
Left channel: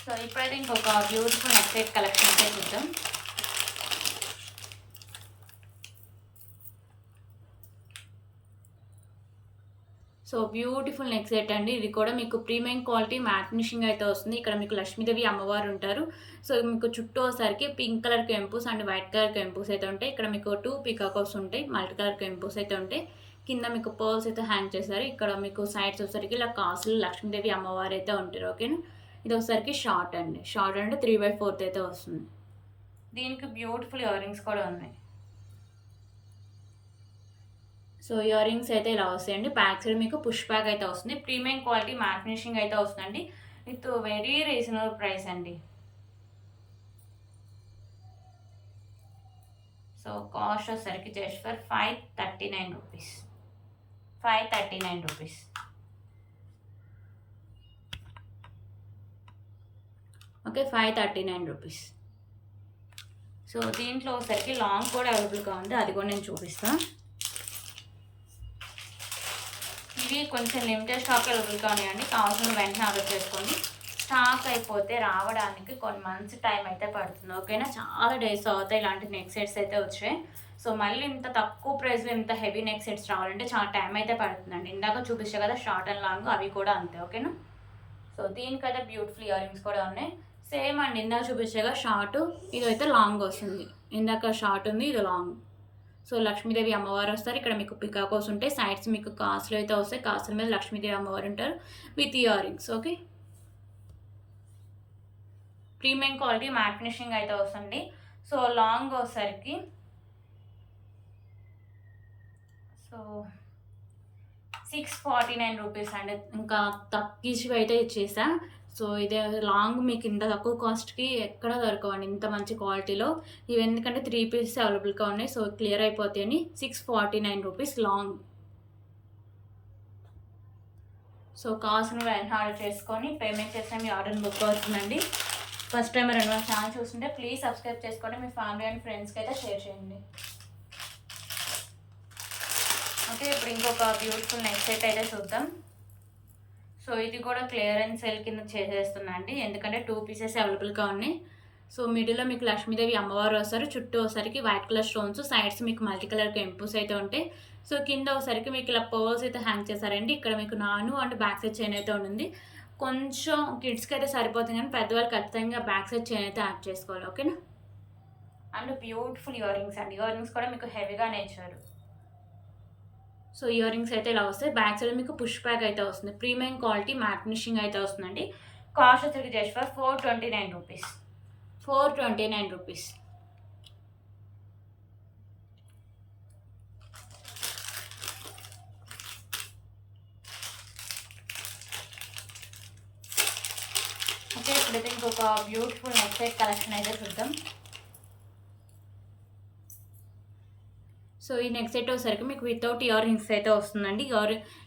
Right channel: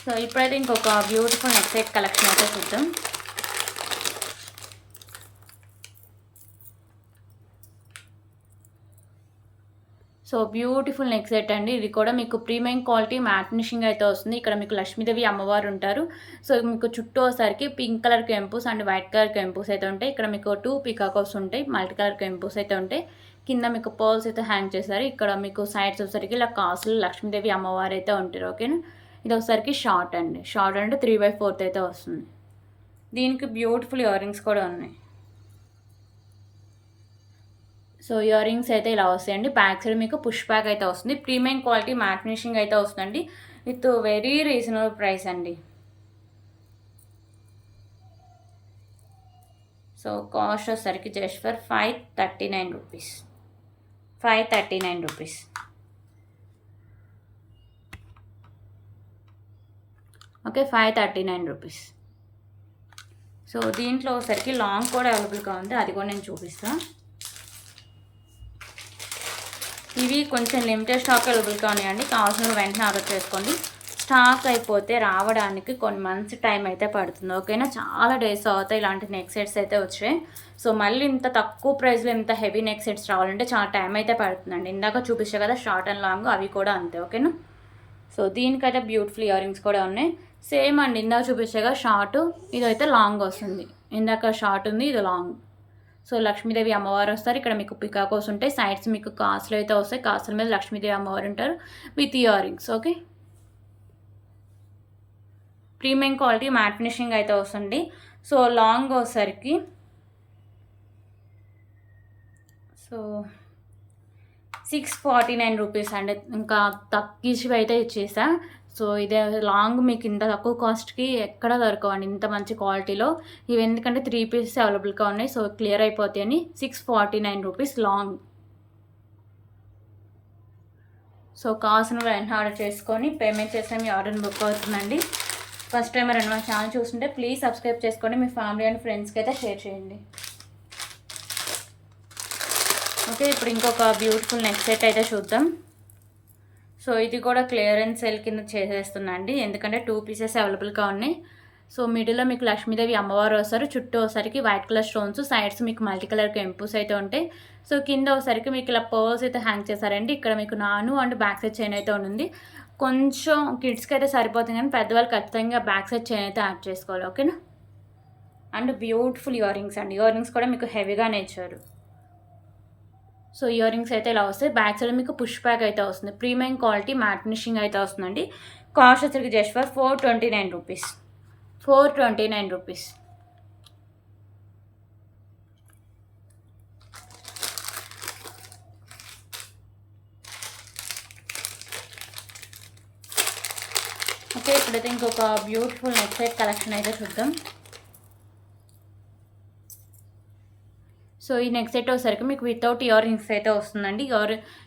సో ఇప్పుడైతే ఇంకొక బ్యూటిఫుల్ నెక్ సెట్ కలెక్షన్ అయితే చూద్దాం. సో బ్యూటిఫుల్ నెక్ సెట్ అండి. ఇది కూడా మీకు ప్రీమియం క్వాలిటీ మ్యాట్ ఫినిషింగ్ అయితే వస్తుంది. ఇక్కడ మీకు లక్ష్మీదేవి అమ్మవారు ఉంటారు. సో మీకు చుట్టూ వచ్చేసరికి పింక్ కలర్ కెంపుస్ అండ్ వైట్ కలర్ కెంపుస్ అయితే ఉంటాయి. ఇక్కడ మీకు 2 పికాకోస్ ఉంటాయి, మల్టీ కలర్ కెంపుస్ అయితే ఉంటాయి. కింద మీకు పర్ల్స్ అయితే హ్యాంగ్ చేస్తారు. ఇక్కడ మీకు సైడ్స్ వచ్చేసరికి ఇలా కాసులు లక్ష్మీదేవి అమ్మవారు అయితే ఉంటారు. ఓకేనా, ఇది వచ్చేసరికి షార్ట్ అండి. షార్ట్ అంటే 3/4 అయితే వస్తుంది. దీనికి బ్యూటిఫుల్ ఇయర్ రింగ్స్ కూడా ఉన్నాయి. సో ఇయర్ రింగ్స్ అయితే ఇలా వస్తాయండి. బ్యాక్ సైడ్ మీకు పుష్ బ్యాక్ అయితే వస్తుంది. ప్రీమియం క్వాలిటీ మ్యాట్ ఫినిషింగ్ అయితే వస్తుందండి. విత్ వెరీ రీజనబుల్ ప్రైస్ అండి. సో కాస్ట్ వచ్చేసరికి just for 539 rupees, 539 rupees. Okay, 539 rupees. So దీంట్లో వచ్చేసరికి లాంగ్ కూడా అవైలబుల్గా ఉంది, అది కూడా నేను చూపిస్తాను. ఇవి కొంచెం లిమిటెడ్ స్టాక్ అవైలబుల్గా ఉన్నాయండి, కావాల్సిన వెంటనే ఆర్డర్ చేసుకోండి. స్టాక్ అయిపోతే రావడానికి కొన్ని మంత్స్ టైం అయితే పడుతుంది. ఓకేనా, చాలా డేస్ అవుతాయి ఇలాంటి నెక్ సెట్స్ అయితే వచ్చాయి. సో మళ్ళీ ఇంత తక్కువ ప్రైస్లో ఇంత హెవీ నెక్ సెట్స్ రావాలంటే చాలా టైం అయితే పడుతుందండి. ఇందాక చూపించే కదా షార్ట్ అండ్ లాంగ్, అవి కూడా అంతే. ఓకేనా, సో దీనికైతే బ్యూటిఫుల్ ఇయర్ రింగ్స్ కూడా ఉన్నాయి. సేమ్ అండి, ఇందాక చూపించగా షార్ట్, ఇదైతే లాంగ్ వస్తుంది. ఇందాక షార్ట్ ఉంది, ఇది లాంగ్. సో లక్ష్మీదేవి అమ్మవారు వస్తారు. ఇక్కడ మీకు పికాకోస్ ఉంటాయి, సైడ్స్ మీకు కాసులు అయితే వస్తాయి. కాసుల మీద లక్ష్మీదేవి అమ్మవారు ఉంటారు with ear rings. Okay, premium quality matte finishing అయితే వస్తుంది. సో లాంగ్ వచ్చేసరికి సో 649 రూపీస్ అండి. ఇంకా తగ్గించి అయితే ఇచ్చేసా. సో ఇదే లాంగ్ మీకు ఇంత తక్కువ కాస్ట్కి ఎక్కడ దొరకవండి ఇంత మంచి క్వాలిటీలో. ఇవి ఎందుకంటే 3 పీసెస్ అవైలబుల్గా ఉన్నాయి, సో క్లియర్ అయిపోతాయని 649 రూపీస్ లాంగ్. సో కావాల్సిన వెంటనే ఆర్డర్ చేసుకొని పేమెంట్ చేస్తే మీ ఆర్డర్ని బుక్ అవుతుందండి. ఫస్ట్ టైం ఎవరైనా మా ఛానల్ చూస్తుంటే ప్లీజ్ సబ్స్క్రైబ్ చేసుకోండి, మీ ఫ్యామిలీ అండ్ ఫ్రెండ్స్కి అయితే షేర్ చేయండి. ఓకే, ఇప్పుడు ఇంకొక బ్యూటిఫుల్ నెక్ సెట్ అయితే చూద్దాం. సో ఇది కూడా క్లియరెన్స్ సేల్ కింద చేసేస్తుందండి, ఎందుకంటే 2 పీసెస్ అవైలబుల్గా ఉన్నాయి. సో మిడిల్లో మీకు లక్ష్మీదేవి అమ్మవారు వస్తారు. చుట్టూ ఒకసారికి వైట్ కలర్ స్టోన్స్, సైడ్స్ మీకు మల్టీ కలర్ కెంపుస్ అయితే ఉంటాయి. సో కింద ఒకసారికి మీకు ఇలా పర్ల్స్ అయితే హ్యాంగ్ చేశారండి. ఇక్కడ మీకు నాను అండ్ బ్యాక్ సైడ్ చైన్ అయితే ఉంది. కొంచెం కిడ్స్కి అయితే సరిపోతుంది, కానీ పెద్దవాళ్ళు ఖచ్చితంగా బ్యాక్ సైడ్ చైన్ అయితే యాడ్ చేసుకోవాలి. ఓకేనా, అండ్ బ్యూటిఫుల్ ఇయర్ రింగ్స్ అండి. ఇయర్ రింగ్స్ కూడా మీకు హెవీగానే ఇచ్చారు. సో ఇయర్ రింగ్స్ అయితే ఇలా వస్తాయి. బ్యాక్ సైడ్ మీకు పుష్ బ్యాక్ అయితే వస్తుంది. ప్రీమియం క్వాలిటీ మ్యాట్ ఫినిషింగ్ అయితే వస్తుందండి. కాస్ట్ వచ్చరికి just for 429 rupees, 429 rupees. Okay, ఇప్పుడైతే ఇంకొక బ్యూటిఫుల్ నెక్ సెట్ కలెక్షన్ అయితే చూద్దాం. సో ఈ నెక్ సెట్ వచ్చేసరికి మీకు వితౌట్ ఇయర్ రింగ్స్ అయితే వస్తుందండి.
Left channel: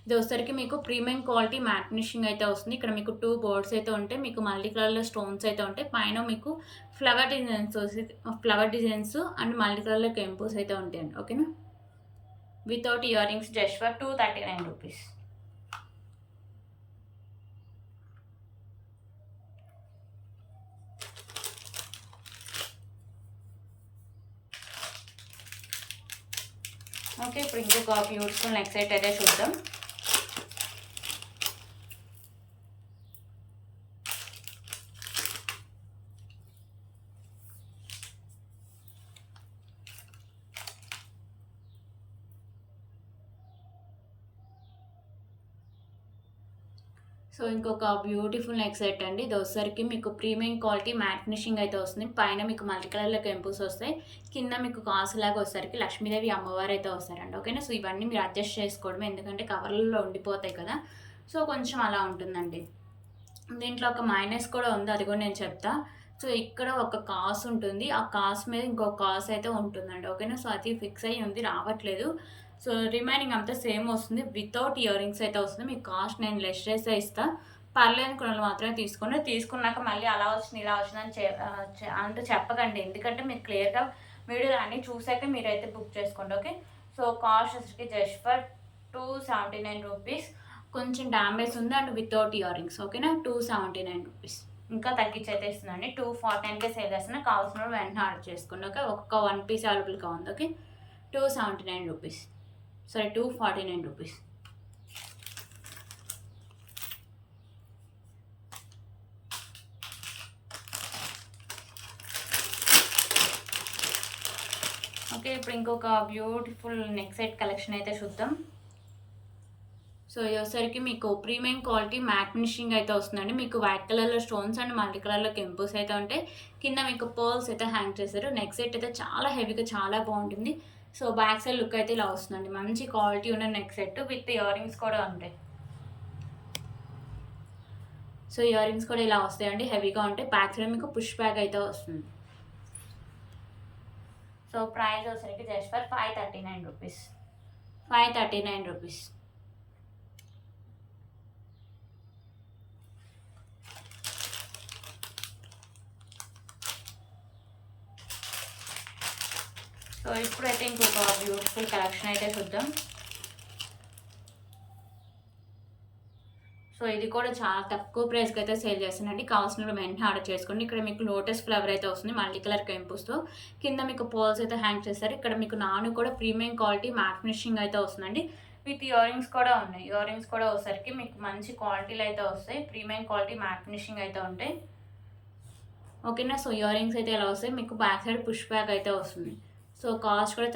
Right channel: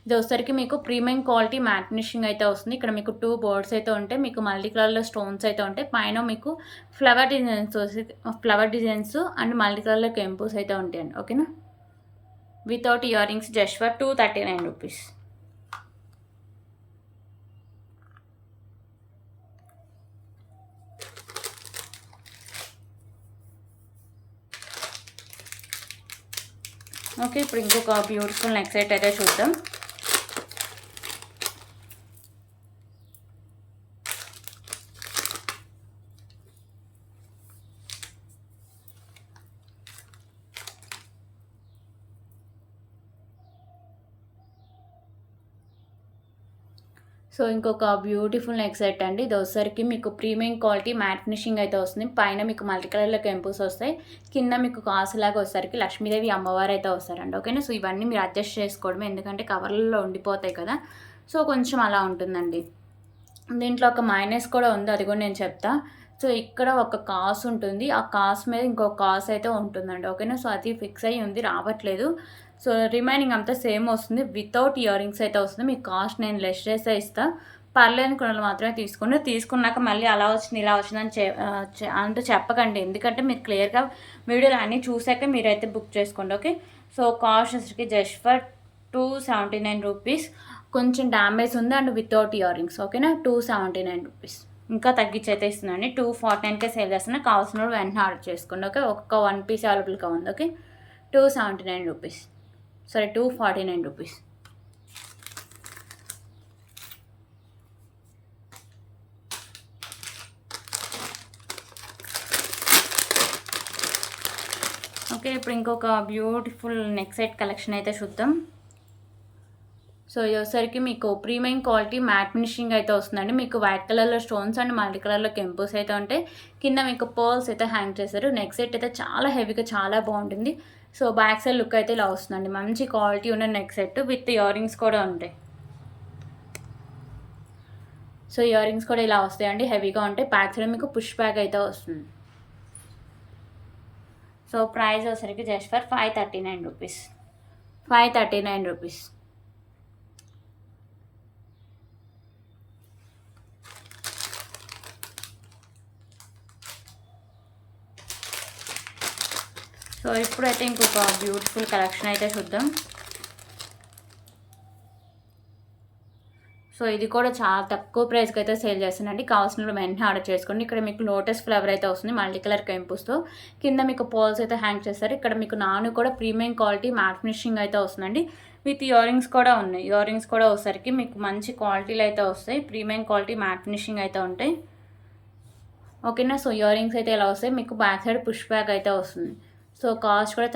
ఇది వచ్చేసరికి మీకు ప్రీమియం క్వాలిటీ మ్యాట్ ఫినిషింగ్ అయితే వస్తుంది. ఇక్కడ మీకు 2 బర్డ్స్ అయితే ఉంటాయి, మీకు మల్టీ కలర్లో స్టోన్స్ అయితే ఉంటాయి, పైన మీకు ఫ్లవర్ డిజైన్స్ అండ్ మల్టీ కలర్లో కెంపుస్ అయితే ఉంటాయండి. ఓకేనా, without ear rings just for 239 rupees. Okay, ఇప్పుడు ఇంకొక బ్యూటిఫుల్ నెక్ సెట్ అయితే చూద్దాం. సో ఇంకొక బ్యూటిఫుల్ నెక్ సెట్ అండి. ఇది వచ్చేసరికి మీకు ప్రీమియం క్వాలిటీ మ్యాట్ ఫినిషింగ్ అయితే వస్తుంది, పైన మీకు మల్టీ కలర్లో కెంపుస్ వస్తాయి, కింద మీకు కాసులాగా వచ్చేసరికి లక్ష్మీదేవి అమ్మవారు అయితే వస్తారండి. ఓకేనా, సో ఇవన్నీ మీరు అడ్జస్ట్ చేసుకోవడమే, ఎందుకంటే కవర్లలో ఉండిపోతాయి కదా, సో కొంచెం అలా ఉంటుందండి. దీంట్లో ఒక మైనస్ కూడా ఉంది, అది కూడా నేను చెప్తా. సో ఇక్కడ ఒక కాసు ఉంటుంది, ఆ కాసు మీద ఇంకొక కాసు అయితే ఉంటుందండి. ఓకేనా, సో అది ఫిక్స్ అయ్యి ఉంది, రావట్లేదు. సో రిమైనింగ్ అంతా సేమ్ వస్తుంది, వితౌట్ ఇయర్ రింగ్స్ అయితే వస్తుంది. మీకు కాస్ట్ నేను లెస్ చేసే ఇస్తాను, పర్లేదు కొనలు మాత్రమే తీసుకోండి. తీసుకున్నాక మళ్ళీ అలా వచ్చింది ఇలా వచ్చిందని అంటూ చెప్పకండి, ఎందుకంటే మీరు క్లియర్గా వీడియోలు అన్నీ చూసాక మీరైతే బుక్ చేసుకోండి. ఓకే, సో కాస్ట్ వచ్చేసరికి జస్ట్ ఫర్ 279 రూపీస్. కొంచెం డ్యామేజ్ ఉంది అండ్ వితౌట్ ఇయర్ రింగ్స్. ఓకేనా, 279 రూపీస్. ఇంకా తగ్గించి అయితే ఇస్తుందండి, 249కే సేల్ చేస్తున్నా, కావాల్సిన వెంటనే ఆర్డర్ చేసుకోండి. ఓకే, ఒక్క 1 పీస్ అవైలబుల్గా ఉంది. ఓకే, 279 రూపీస్, సరే 249 రూపీస్. ఓకే, ఇప్పుడు ఇంకొక బ్యూటిఫుల్ నెక్ సెట్ కలెక్షన్ అయితే చూద్దాం. సో ఇది వచ్చేసరికి మీకు ప్రీమియం క్వాలిటీ మ్యాట్ ఫినిషింగ్ అయితే వస్తుందండి, మీకు వైట్ కలర్లో స్టోన్స్ అండ్ మల్టీ కలర్లో కెంపుస్ అయితే ఉంటాయి, కింద మీకు పర్ల్స్ అయితే హ్యాంగ్ చేశారు. నెక్ సెట్ అయితే చాలా హెవీగా చాలా బాగుంటుంది. సో బ్యాక్ సైడ్ లుక్ అయితే ఇలా వస్తుందండి, మంచి క్వాలిటీ ఉన్న neck set with ear rings కూడా ఉంటాయి. సో ఇయర్ రింగ్స్ కూడా ఇలా వస్తాయండి, హెవీగా ఉంటాయి. బ్యాక్ సైడ్ మీకు పుష్ బ్యాక్ అయితే వస్తుంది. సో ప్రైస్ వచ్చేసరికి just for 539 rupees, 539 rupees. So ఇప్పుడైతే ఇంకొక బ్యూటిఫుల్ కలెక్షన్ అయితే చూద్దాం. సో ఇది కూడా చాలా తక్కువ ప్రైస్కి అయితే సేల్ చేస్తానండి, కావాల్సిన వెంటనే ఆర్డర్ చేసుకోండి. ఇక్కడ మీకు లోటస్ ఫ్లవర్ అయితే వస్తుంది మల్టీ కలర్ కెంపుస్తో, కింద మీకు పోల్స్ అయితే హ్యాంగ్ చేస్తారు. ఇక్కడ మీకు నాను కూడా ప్రీమియం క్వాలిటీ మ్యాట్ ఫినిషింగ్ అయితే వస్తుందండి, విత్ ఇయర్ రింగ్స్ కూడా ఉన్నాయి. ఇయర్ రింగ్స్ కూడా వచ్చేసరికి మీకు మంచి క్వాలిటీలు అయితే వస్తాయి, ప్రీమియం క్వాలిటీ మ్యాట్ ఫినిషింగ్ అయితే ఉంటాయి. ఓకేనా, సో ఇయర్ రింగ్స్ అయితే ఇలా వస్తాయి, మీకు బ్యాక్ సైడ్ పుష్ బ్యాక్ అయితే వస్తుంది. సో కాస్ట్ కూడా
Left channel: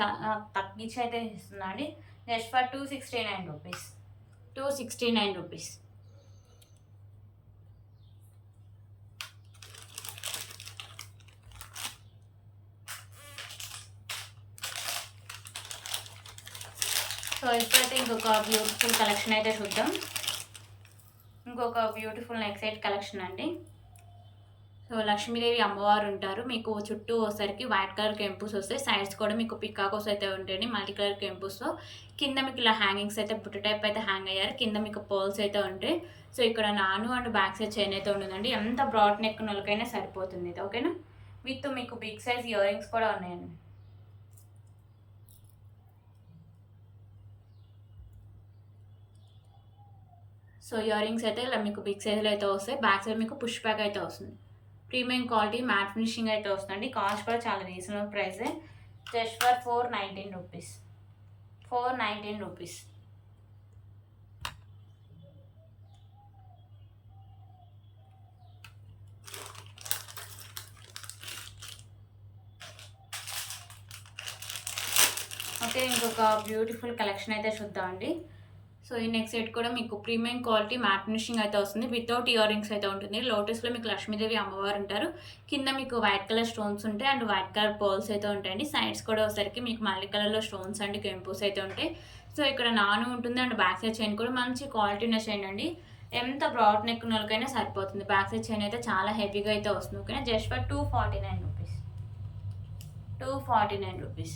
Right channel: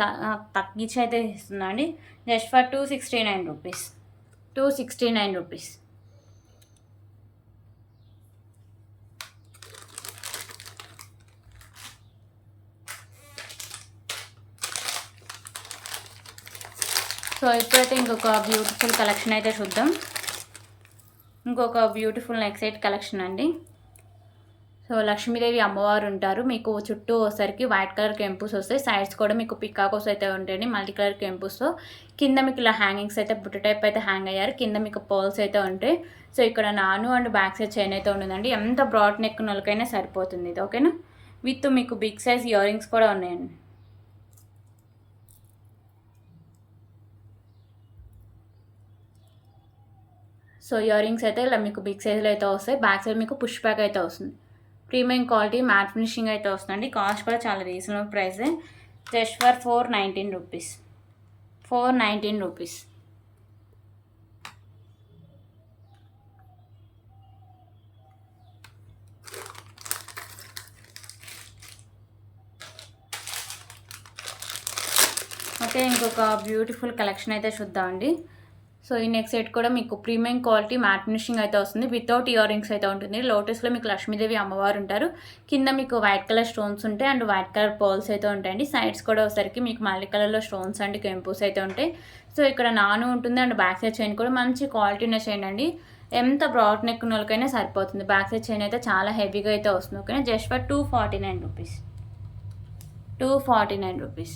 తగ్గించి అయితే ఇస్తుందండి, just for 269 rupees, 269 rupees. So ఇప్పుడైతే ఇంకొక బ్యూటిఫుల్ కలెక్షన్ అయితే చూద్దాం. ఇంకొక బ్యూటిఫుల్ నెక్ సెట్ కలెక్షన్ అండి. సో లక్ష్మీదేవి అమ్మవారు ఉంటారు, మీకు చుట్టూ వచ్చేసరికి వైట్ కలర్ కెంపుస్ వస్తాయి, సైడ్స్ కూడా మీకు పికాకోస్ అయితే ఉంటాయండి మల్టీ కలర్ కెంపుస్తో, కింద మీకు ఇలా హ్యాంగింగ్స్ అయితే బుట్ట టైప్ అయితే హ్యాంగ్ అయ్యారు, కింద మీకు పర్ల్స్ అయితే ఉంటాయి. సో ఇక్కడ నాను అండ్ బ్యాక్ సైడ్ చైన్ అయితే ఉంటుందండి, ఎంత బ్రాడ్ నెక్ నొలకైనా సరిపోతుంది ఇది. ఓకేనా, విత్ మీకు బిగ్ సైజ్ ఇయర్ రింగ్స్ కూడా ఉన్నాయండి. సో ఇయర్ రింగ్స్ అయితే ఇలా మీకు బిగ్ సైజ్లో అయితే వస్తాయి, బ్యాక్ సైడ్ మీకు పుష్ బ్యాక్ అయితే వస్తుంది, ప్రీమియం క్వాలిటీ మ్యాట్ ఫినిషింగ్ అయితే వస్తుందండి. కాస్ట్ కూడా చాలా రీజనబుల్ ప్రైసే, just for 419 rupees, 419 rupees. Okay, ఇంకొక బ్యూటిఫుల్ కలెక్షన్ అయితే చూద్దామండి. సో ఈ నెక్ సెట్ కూడా మీకు ప్రీమియం క్వాలిటీ మ్యాట్ ఫినిషింగ్ అయితే వస్తుంది, వితౌట్ ఇయర్ రింగ్స్ అయితే ఉంటుంది. లోటస్లో మీకు లక్ష్మీదేవి అమ్మవారు ఉంటారు, కింద మీకు వైట్ కలర్ స్టోన్స్ ఉంటాయి అండ్ వైట్ కలర్ పర్ల్స్ అయితే ఉంటాయండి, సైడ్స్ కూడా వచ్చేసరికి మీకు మల్టీ కలర్లో స్టోన్స్ అండ్ కెంపుస్ అయితే ఉంటాయి. సో ఇక్కడ నాను ఉంటుంది అండ్ బ్యాక్ సైడ్ చైన్ కూడా మంచి క్వాలిటీ ఉన్న చైన్ అండి, ఎంత బ్రాడ్ నెక్ ఉన్న వాళ్ళకైనా సరిపోతుంది. బ్యాక్ సైడ్ చైన్ అయితే చాలా హెవీగా అయితే వస్తుంది. ఓకేనా, just for 249 rupees. 249 rupees.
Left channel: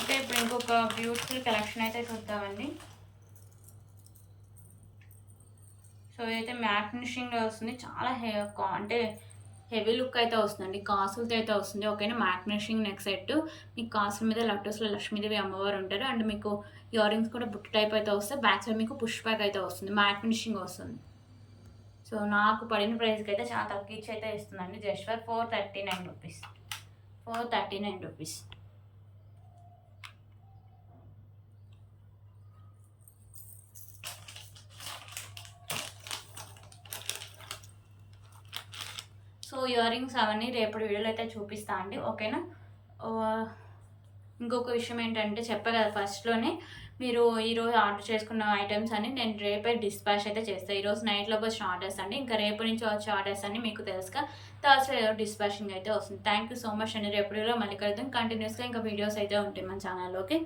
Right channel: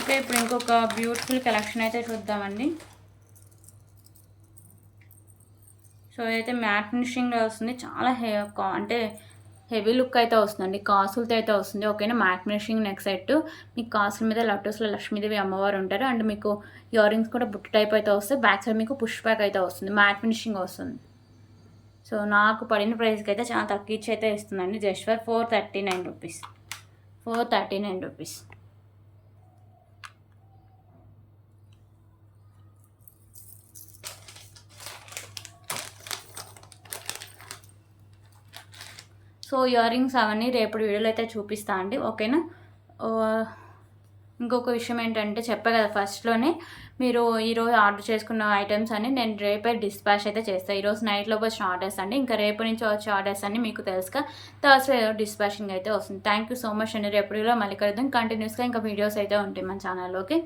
Okay, ఇప్పుడు ఇంకొక బ్యూటిఫుల్ కలెక్షన్ అయితే చూద్దామండి. సో ఇదైతే మ్యాట్ ఫినిషింగ్లో వస్తుంది. చాలా అంటే హెవీ లుక్ అయితే వస్తుందండి. కాసులతో అయితే వస్తుంది. ఓకేనా, మ్యాట్ ఫినిషింగ్ నెక్ సెట్. మీకు కాసుల మీద లటోస్లో లక్ష్మీదేవి అమ్మవారు ఉంటారు. అండ్ మీకు ఇయర్ రింగ్స్ కూడా బుట్ట టైప్ అయితే వస్తాయి. బ్యాక్ సైడ్ మీకు పుష్ బ్యాక్ అయితే వస్తుంది. మ్యాట్ ఫినిషింగ్ వస్తుంది. సో నాకు పడిన ప్రైస్కి అయితే చాలా తక్కువ ఇచ్చి అయితే ఇస్తుందండి. Just for 439 rupees. 439 rupees. So earrings అవన్నీ రేపటి వీడియోలో అయితే చూపిస్తా అండి. ఓకేనా. ఇంకొక విషయం ఏంటంటే చెప్పా కదా ఫస్ట్లోనే, మీరు ఈరోజు ఆర్డర్ చేసుకున్న ఐటమ్స్ అన్ని నేను రేపే డిస్పాచ్ అయితే చేస్తాను. ఈరోజు నైట్లో వచ్చిన ఆర్డర్స్ అండి. ఇంకా రేపటి నుంచి వచ్చే ఆర్డర్స్ అన్ని మీకు తెలుసుగా థర్స్డే డిస్పాచింగ్ అయితే వస్తుంది. థ్యాంక్ యూ సో మచ్ అండి. రేపటి వీడియోలో మళ్ళీ కలుద్దాం. కంటిన్యూస్గా ఇంకా వీడియోస్ అయితే ఉంటాయి మన ఛానల్లో. ఓకే.